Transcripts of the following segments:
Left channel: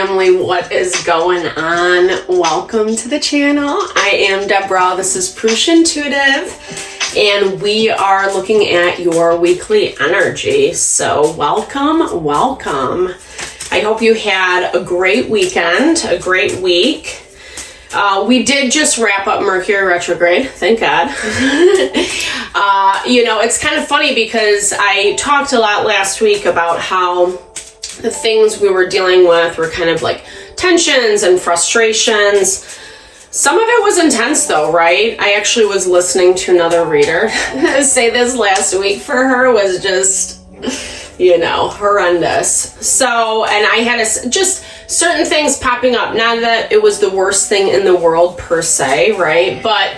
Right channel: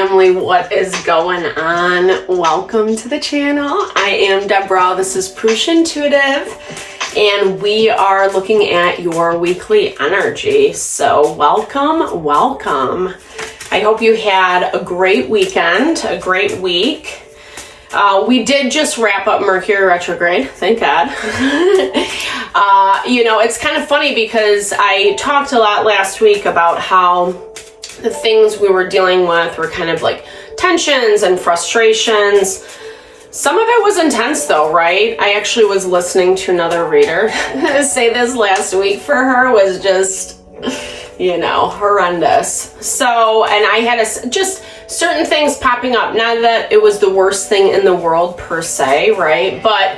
family, what is going on? Welcome to the channel. I am Deborah. This is Purusha Intuitive, and we are looking at your weekly energy. So welcome, welcome. I hope you had a great weekend, a great week. We did just wrap up Mercury retrograde, thank God. It's kind of funny because I talked a lot last week about how the things we were dealing with were kind of like tensions and frustrations. Some of it was intense though, right? I actually was listening to another reader say this last week for her was just, horrendous. So, and I had just certain things popping up. Not that it was the worst thing in the world per se, right? But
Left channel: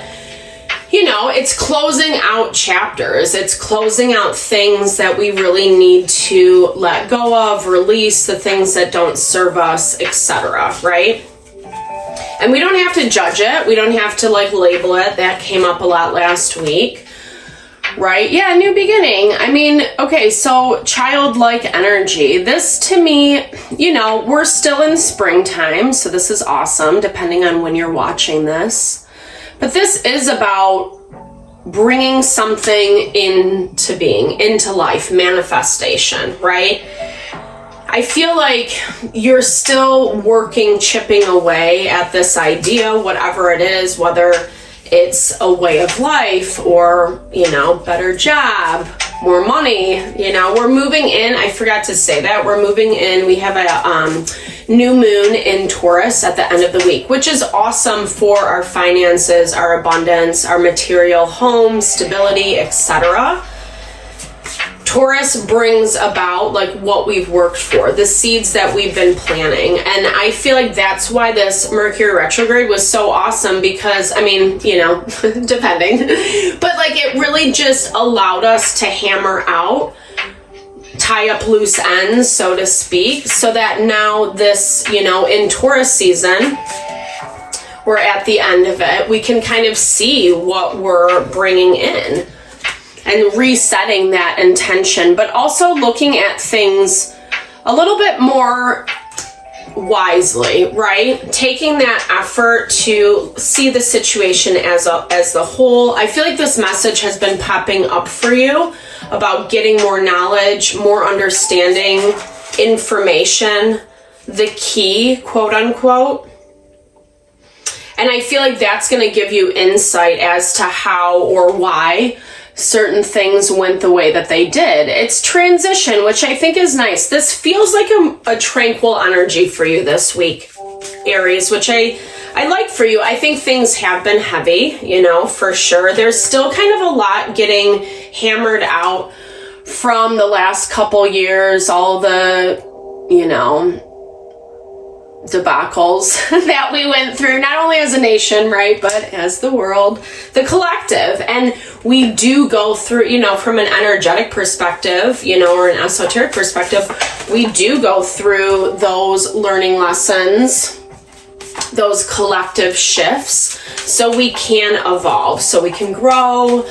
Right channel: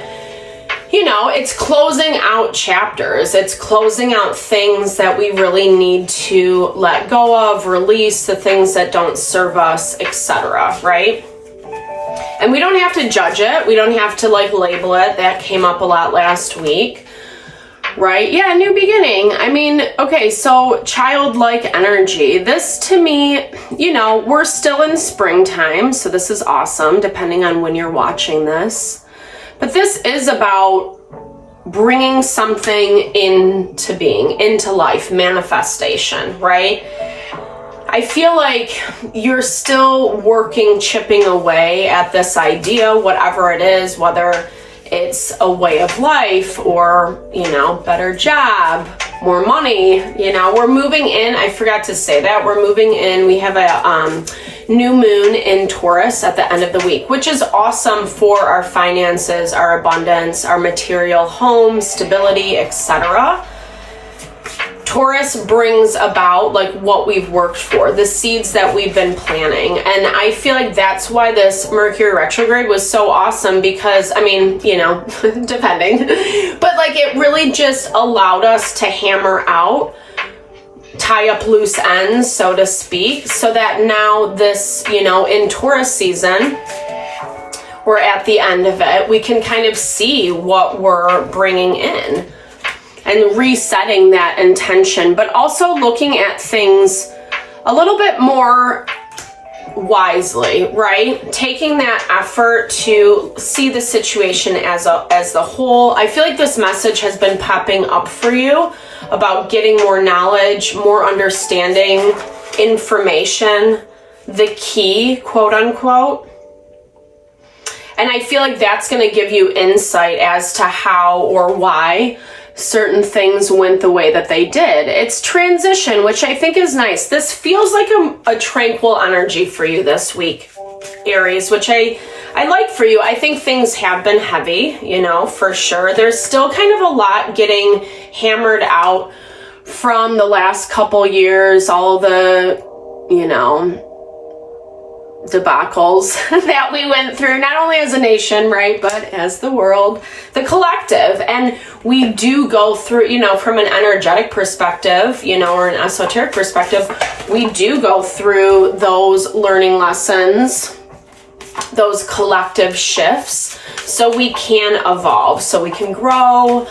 it's closing out chapters. It's closing out things that we really need to let go of, release the things that don't serve us, etc., right? And we don't have to judge it. We don't have to label it. That came up a lot last week, right? Yeah, new beginning. Okay, so childlike energy. This to me, we're still in springtime, so this is awesome, depending on when you're watching this. But this is about bringing something into being, into life, manifestation, right? I feel like you're still working, chipping away at this idea, whatever it is, whether it's a way of life or, better job, more money, we're moving in. I forgot to say that. We're moving in. We have a new moon in Taurus at the end of the week, which is awesome for our finances, our abundance, our material home, stability, etc. Taurus brings about what we've worked for, the seeds that we've been planting. And I feel like that's why this Mercury retrograde was so awesome because, depending, but it really just allowed us to hammer out, tie up loose ends, so to speak, so that now this, in Taurus season, we're at the end of it, we can kind of see what we're bringing in and resetting that intention, but also looking at things a little bit more wisely, right? Taking that effort to see the situation as the whole. I feel like this message has been popping up for you about getting more knowledge, more understanding, information, the key, quote unquote. And I feel like that's going to give you insight as to how or why certain things went the way that they did. It's transition, which I think is nice. This feels like a tranquil energy for you this week, Aries, which I like for you. I think things have been heavy, for sure. There's still kind of a lot getting hammered out from the last couple years, all the, debacles that we went through, not only as a nation, right, but as the world, the collective. And we do go through, from an energetic perspective, or an esoteric perspective, we do go through those learning lessons, those collective shifts, so we can evolve, so we can grow,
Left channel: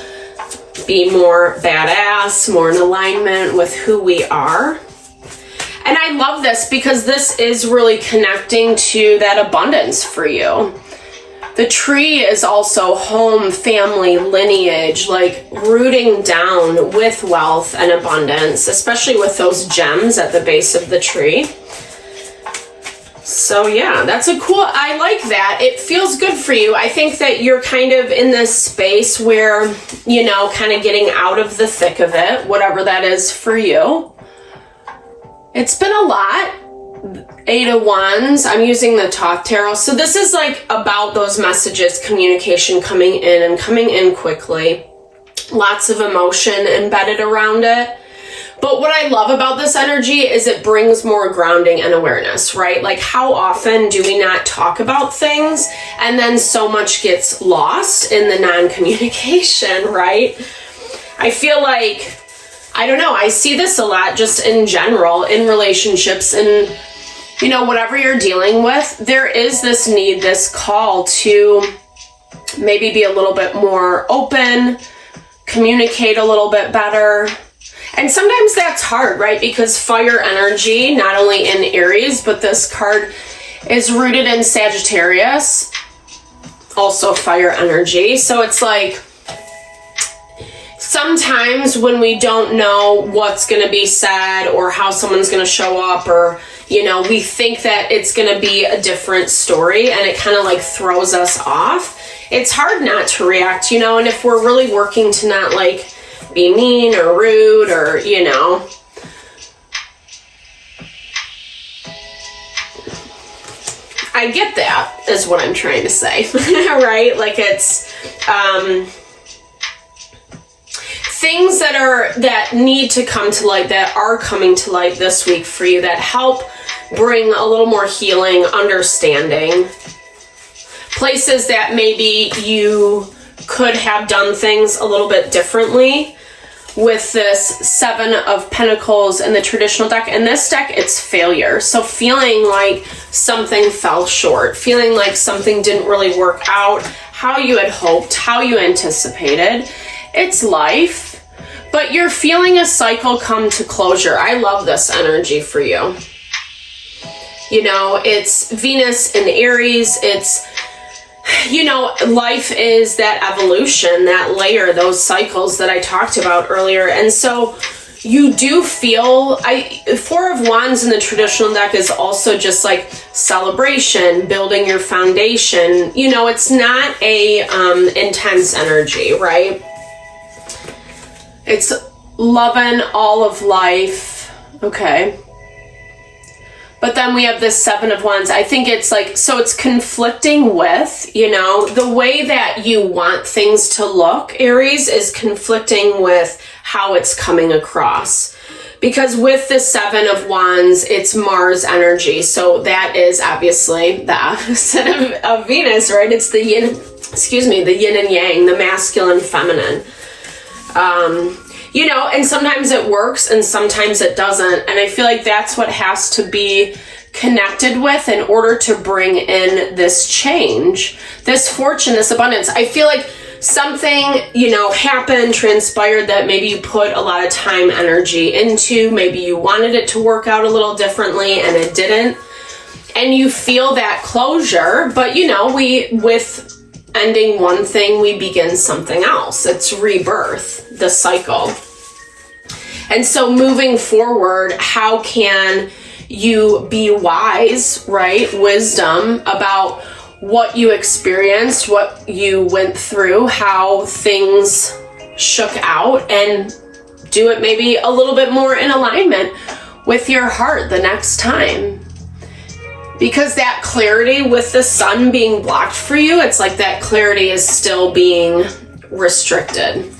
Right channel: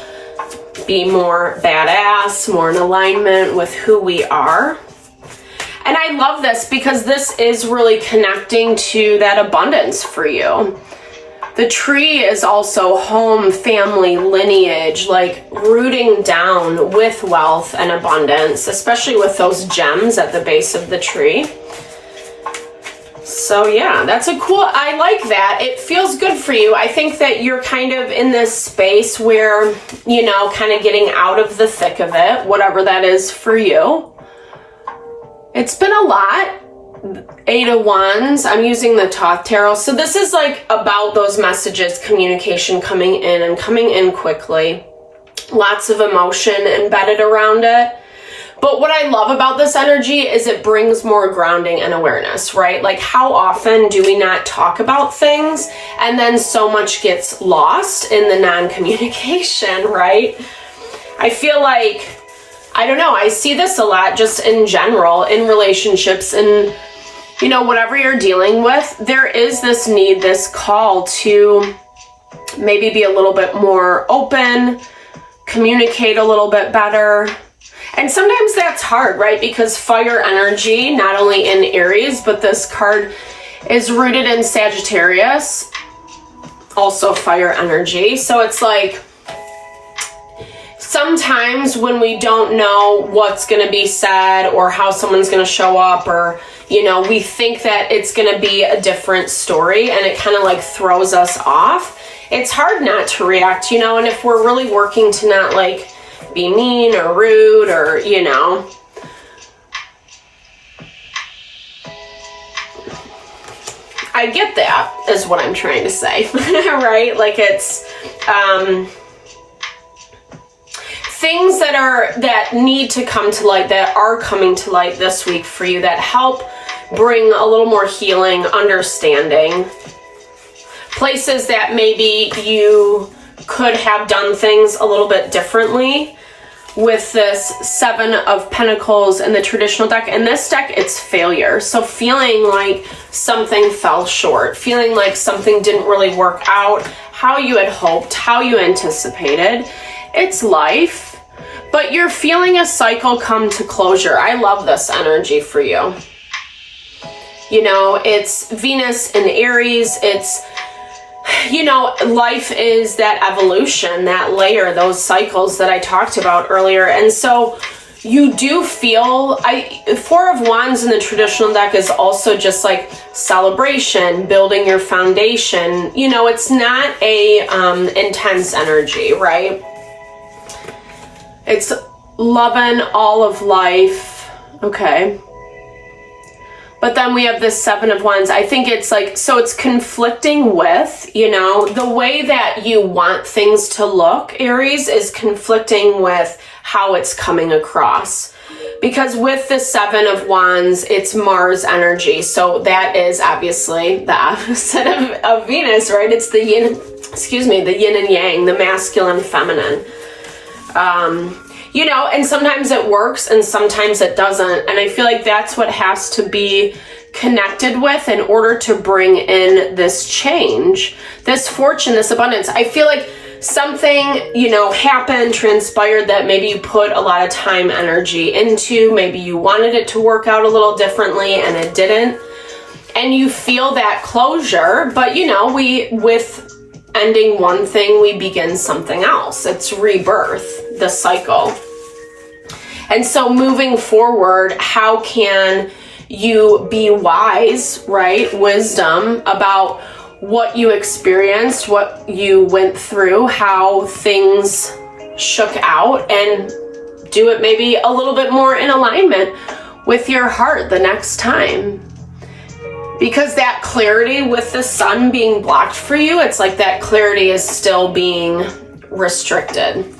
be more badass, more in alignment with who we are. And I love this because this is really connecting to that abundance for you. The tree is also home, family, lineage, rooting down with wealth and abundance, especially with those gems at the base of the tree. So yeah, that's I like that. It feels good for you. I think that you're kind of in this space where, kind of getting out of the thick of it, whatever that is for you. It's been a lot. 8 of Wands. I'm using the Thoth Tarot. So this is about those messages, communication coming in and coming in quickly. Lots of emotion embedded around it. But what I love about this energy is it brings more grounding and awareness, right? How often do we not talk about things and then so much gets lost in the non-communication, right? I feel I don't know, I see this a lot just in general in relationships and, whatever you're dealing with, there is this need, this call to maybe be a little bit more open, communicate a little bit better. And sometimes that's hard, right? Because fire energy, not only in Aries, but this card is rooted in Sagittarius, also fire energy. So it's like, sometimes when we don't know what's going to be said or how someone's going to show up, or, you know, we think that it's going to be a different story and it kind of like throws us off. It's hard not to react, you know, and if we're really working to not like be mean or rude or, you know, I get that is what I'm trying to say, right? Like it's, things that need to come to light, that are coming to light this week for you, that help bring a little more healing, understanding. Places that maybe you could have done things a little bit differently. With this 7 of Pentacles in the traditional deck. In this deck, it's failure. So feeling like something fell short, feeling like something didn't really work out how you had hoped, how you anticipated. It's life, but you're feeling a cycle come to closure. I love this energy for you. You know, it's Venus in Aries. It's, you know, life is that evolution, that layer, those cycles that I talked about earlier. And so you do feel, 4 of Wands in the traditional deck is also just like celebration, building your foundation. You know, it's not a intense energy, right? It's loving all of life. Okay. But then we have this 7 of Wands. I think it's like, so it's conflicting with, you know, the way that you want things to look, Aries, is conflicting with how it's coming across. Because with the 7 of Wands, it's Mars energy. So that is obviously the opposite of Venus, right? It's the yin, the yin and yang, the masculine, feminine. You know, and sometimes it works and sometimes it doesn't. And I feel like that's what has to be connected with in order to bring in this change, this fortune, this abundance. I feel like something, you know, happened, transpired that maybe you put a lot of time, energy into. Maybe you wanted it to work out a little differently and it didn't. And you feel that closure, but you know, with ending one thing, we begin something else. It's rebirth, the cycle. And so moving forward, how can you be wise, right? Wisdom about what you experienced, what you went through, how things shook out, and do it maybe a little bit more in alignment with your heart the next time. Because that clarity with the sun being blocked for you, it's like that clarity is still being restricted.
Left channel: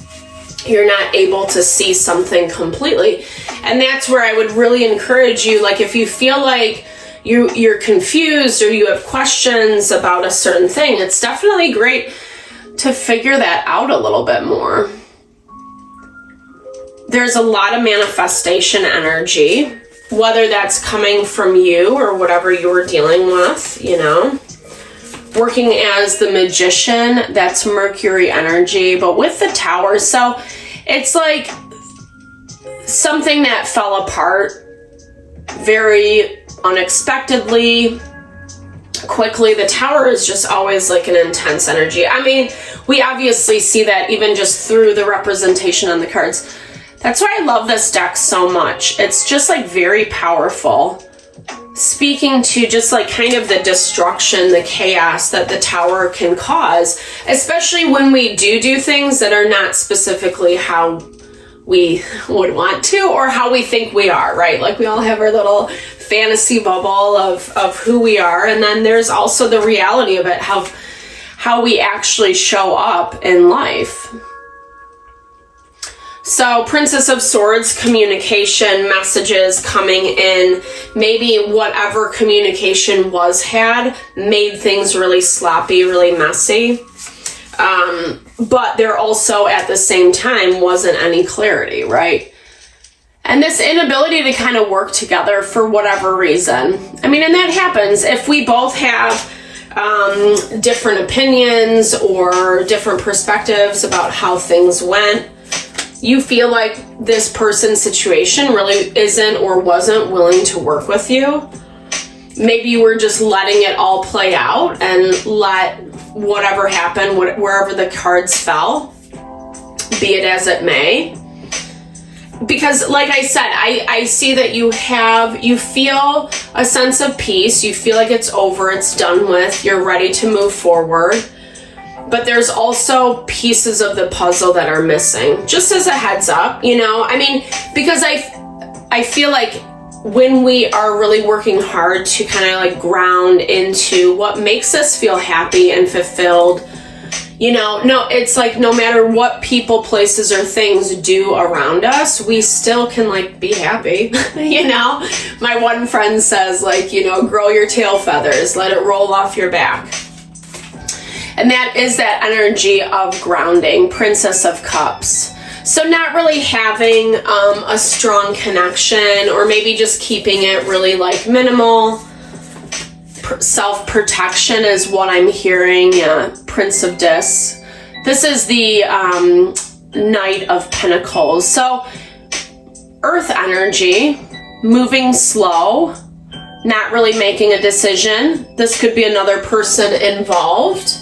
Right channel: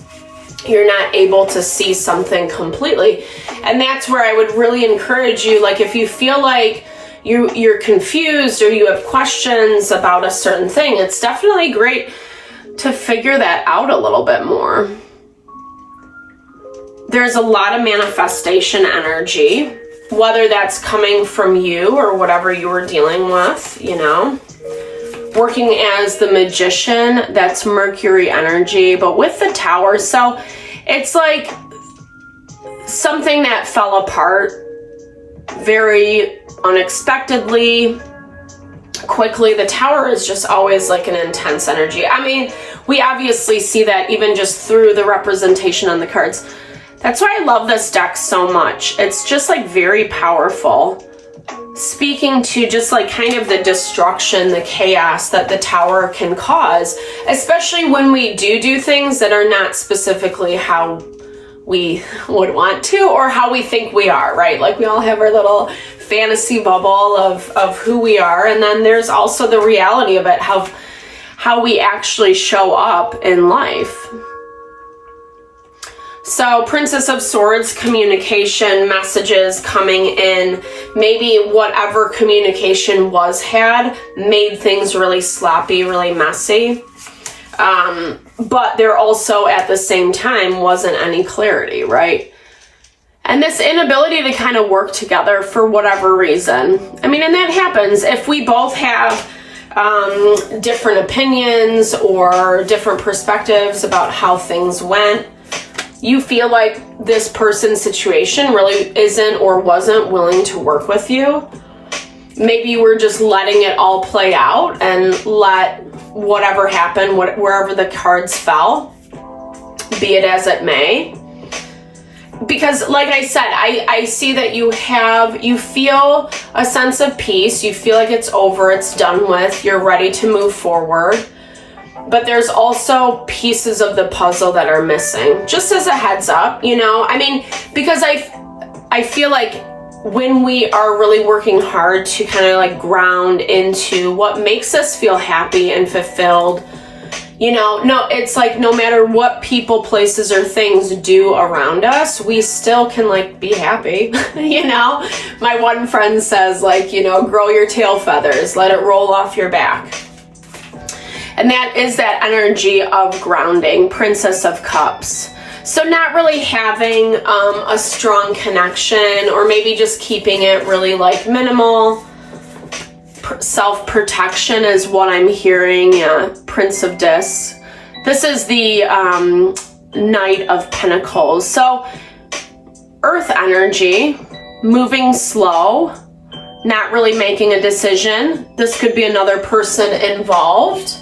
You're not able to see something completely. And that's where I would really encourage you, like if you feel like you're confused or you have questions about a certain thing, it's definitely great to figure that out a little bit more. There's a lot of manifestation energy, whether that's coming from you or whatever you're dealing with, you know. Working as the Magician, that's Mercury energy, but with the Tower, so it's like something that fell apart very unexpectedly, quickly. The Tower is just always like an intense energy. I mean, we obviously see that even just through the representation on the cards. That's why I love this deck so much. It's just like very powerful. Speaking to just like kind of the destruction, the chaos that the Tower can cause, especially when we do things that are not specifically how we would want to or how we think we are, right? Like we all have our little fantasy bubble of who we are, and then there's also the reality of it, how we actually show up in life. So Princess of Swords, communication, messages coming in, maybe whatever communication was had made things really sloppy, really messy. But there also at the same time wasn't any clarity, right? And this inability to kind of work together for whatever reason. I mean, and that happens if we both have different opinions or different perspectives about how things went. you feel like this person's situation really isn't or wasn't willing to work with you. Maybe you were just letting it all play out and let whatever happened, wherever the cards fell, be it as it may. Because like I said, I see that you feel a sense of peace. You feel like it's over, it's done with, you're ready to move forward. But there's also pieces of the puzzle that are missing. Just as a heads up, you know, I mean, because I feel like when we are really working hard to kind of like ground into what makes us feel happy and fulfilled, you know, no, it's like no matter what people, places, or things do around us, we still can like be happy. You know, my one friend says like, you know, grow your tail feathers, let it roll off your back. And that is that energy of grounding, Princess of Cups. So not really having a strong connection, or maybe just keeping it really like minimal. Self-protection is what I'm hearing. Yeah, Prince of Discs. This is the Knight of Pentacles. So Earth energy, moving slow, not really making a decision. This could be another person involved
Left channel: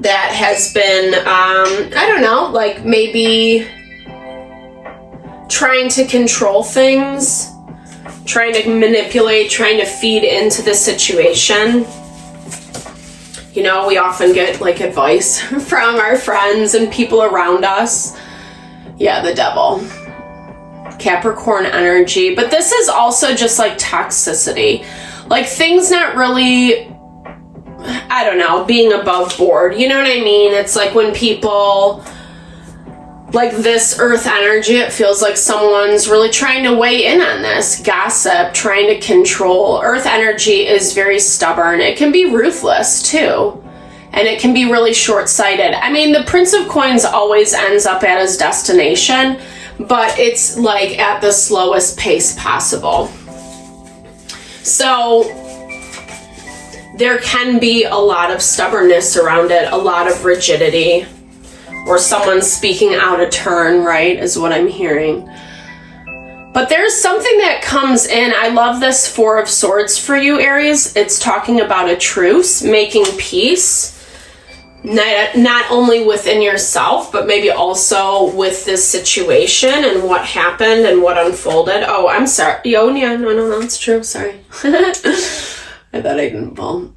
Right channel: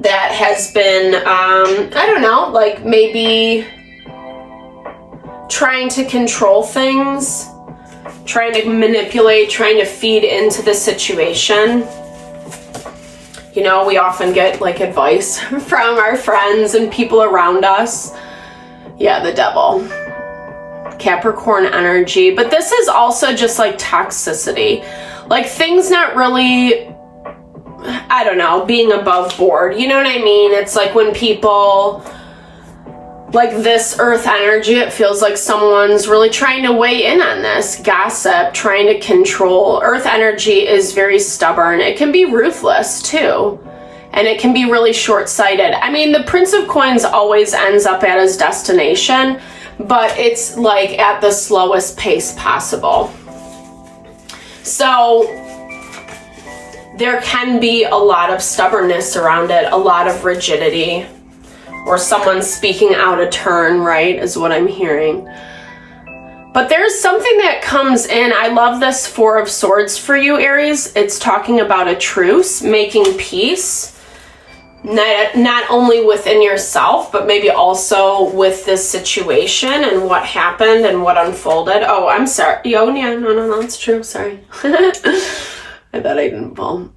that has been, I don't know, like maybe trying to control things, trying to manipulate, trying to feed into the situation. You know, we often get like advice from our friends and people around us. Yeah, the Devil. Capricorn energy. But this is also just like toxicity. Like things not really, I don't know, being above board. You know what I mean? It's like when people, like this Earth energy, it feels like someone's really trying to weigh in on this. Gossip, trying to control. Earth energy is very stubborn. It can be ruthless too. And it can be really short-sighted. I mean, the Prince of Coins always ends up at his destination, but it's like at the slowest pace possible. So there can be a lot of stubbornness around it, a lot of rigidity, or someone speaking out of turn, right, is what I'm hearing. But there's something that comes in. I love this Four of Swords for you, Aries. It's talking about a truce, making peace, not only within yourself, but maybe also with this situation and what happened and what unfolded. Oh, I'm sorry. Oh, yeah, no, it's true. Sorry. I thought I didn't pull.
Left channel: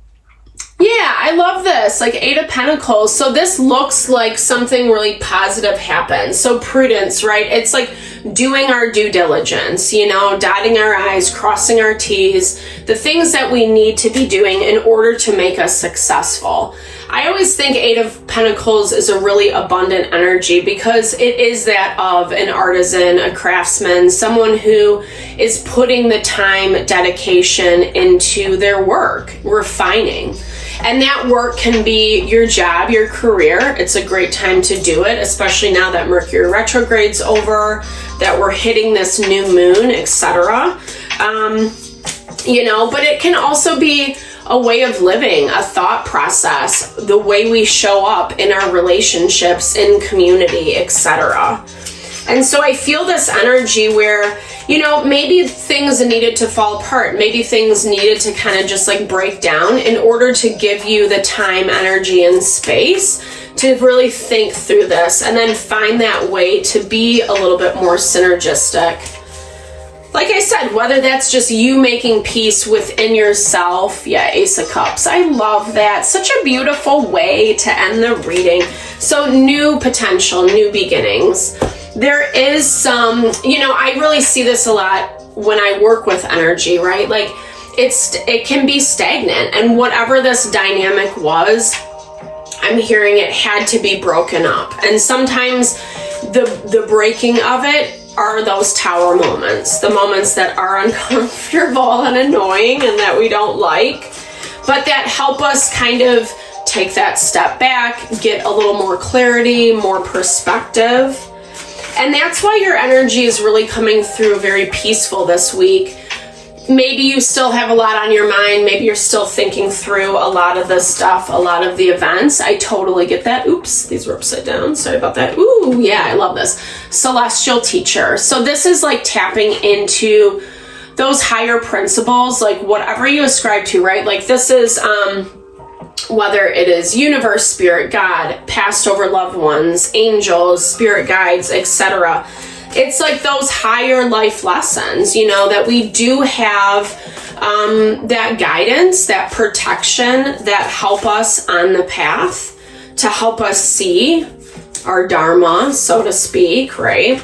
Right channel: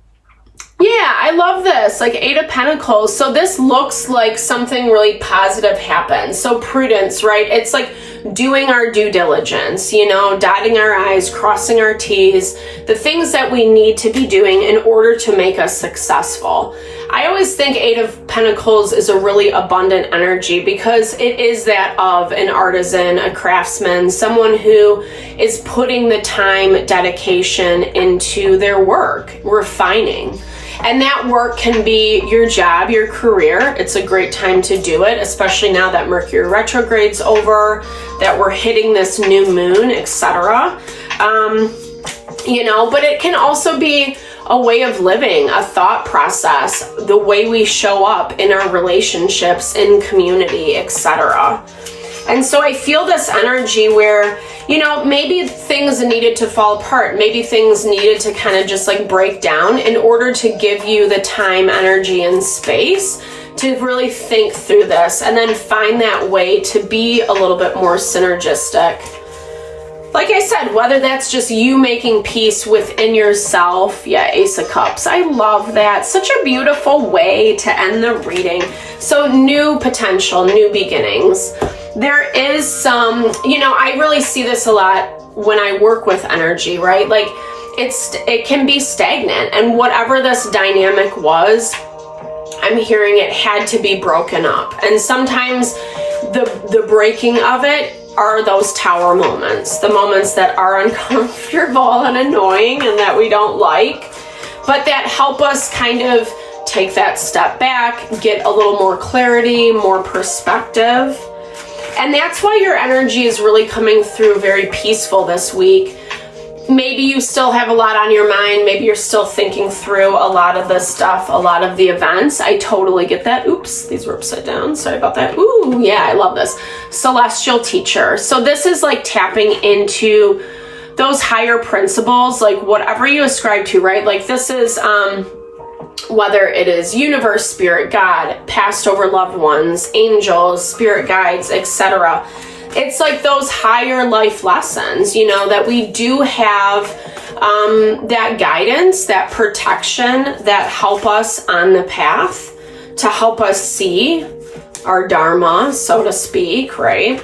Yeah, I love this, like Eight of Pentacles. So this looks like something really positive happened. So prudence, right? It's like doing our due diligence, you know, dotting our I's, crossing our T's, the things that we need to be doing in order to make us successful. I always think Eight of Pentacles is a really abundant energy because it is that of an artisan, a craftsman, someone who is putting the time, dedication into their work, refining. And that work can be your job, your career. It's a great time to do it, especially now that Mercury retrograde's over, that we're hitting this new moon, etc. You know, but it can also be a way of living, a thought process, the way we show up in our relationships, in community, etc. And so I feel this energy where, you know, maybe things needed to fall apart. Maybe things needed to kind of just like break down in order to give you the time, energy, and space to really think through this and then find that way to be a little bit more synergistic. Like I said, whether that's just you making peace within yourself. Yeah, Ace of Cups. I love that. Such a beautiful way to end the reading. So new potential, new beginnings. There is some, you know, I really see this a lot when I work with energy, right? Like it can be stagnant, and whatever this dynamic was, I'm hearing it had to be broken up. And sometimes the breaking of it are those tower moments, the moments that are uncomfortable and annoying and that we don't like, but that help us kind of take that step back, get a little more clarity, more perspective. And that's why your energy is really coming through very peaceful this week. maybe you still have a lot on your mind. Maybe you're still thinking through a lot of the stuff, a lot of the events. I totally get that. Oops, these were upside down. Sorry about that. Ooh, yeah, I love this. Celestial teacher. So this is like tapping into those higher principles, like whatever you ascribe to, right? Like this is, whether it is universe, spirit, God, past over loved ones, angels, spirit guides, etc. It's like those higher life lessons, you know, that we do have that guidance, that protection that help us on the path to help us see our dharma, so to speak, right?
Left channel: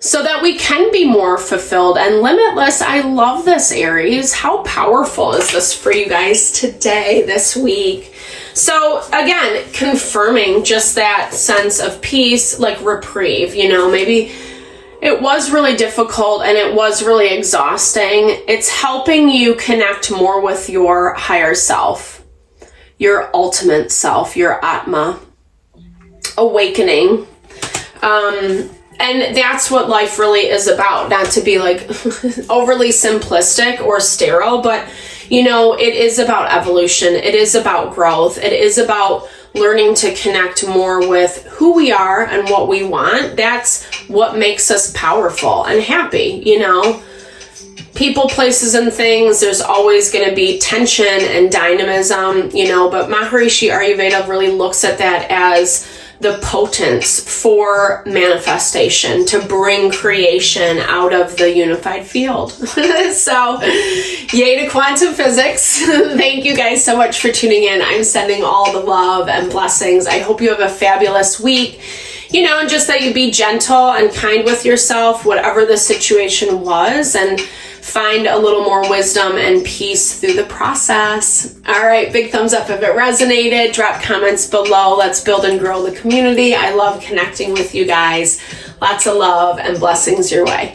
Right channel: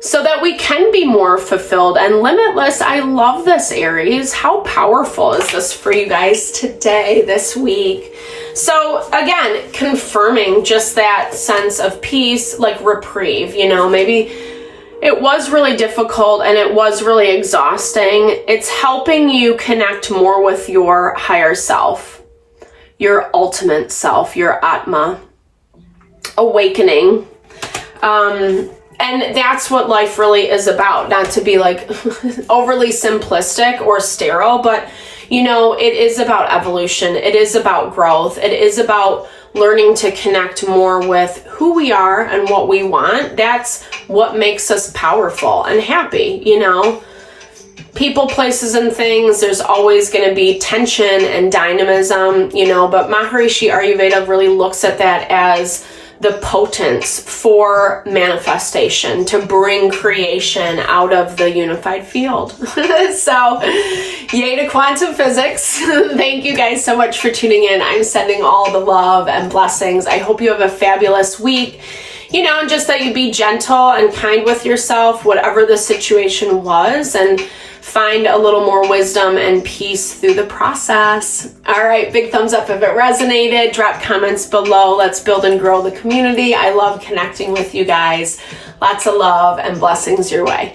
So that we can be more fulfilled and limitless. I love this, Aries. How powerful is this for you guys today, this week? So again, confirming just that sense of peace, like reprieve, you know, maybe it was really difficult and it was really exhausting. It's helping you connect more with your higher self, your ultimate self, your Atma, awakening. And that's what life really is about. Not to be like overly simplistic or sterile, but you know, it is about evolution. It is about growth. It is about learning to connect more with who we are and what we want. That's what makes us powerful and happy, you know. People, places, and things, there's always going to be tension and dynamism, you know, but Maharishi Ayurveda really looks at that as the potence for manifestation, to bring creation out of the unified field. So, yay to quantum physics. Thank you guys so much for tuning in. I'm sending all the love and blessings. I hope you have a fabulous week. You know, and just that you be gentle and kind with yourself, whatever the situation was, and find a little more wisdom and peace through the process. All right, big thumbs up if it resonated. Drop comments below. Let's build and grow the community. I love connecting with you guys. Lots of love and blessings your way.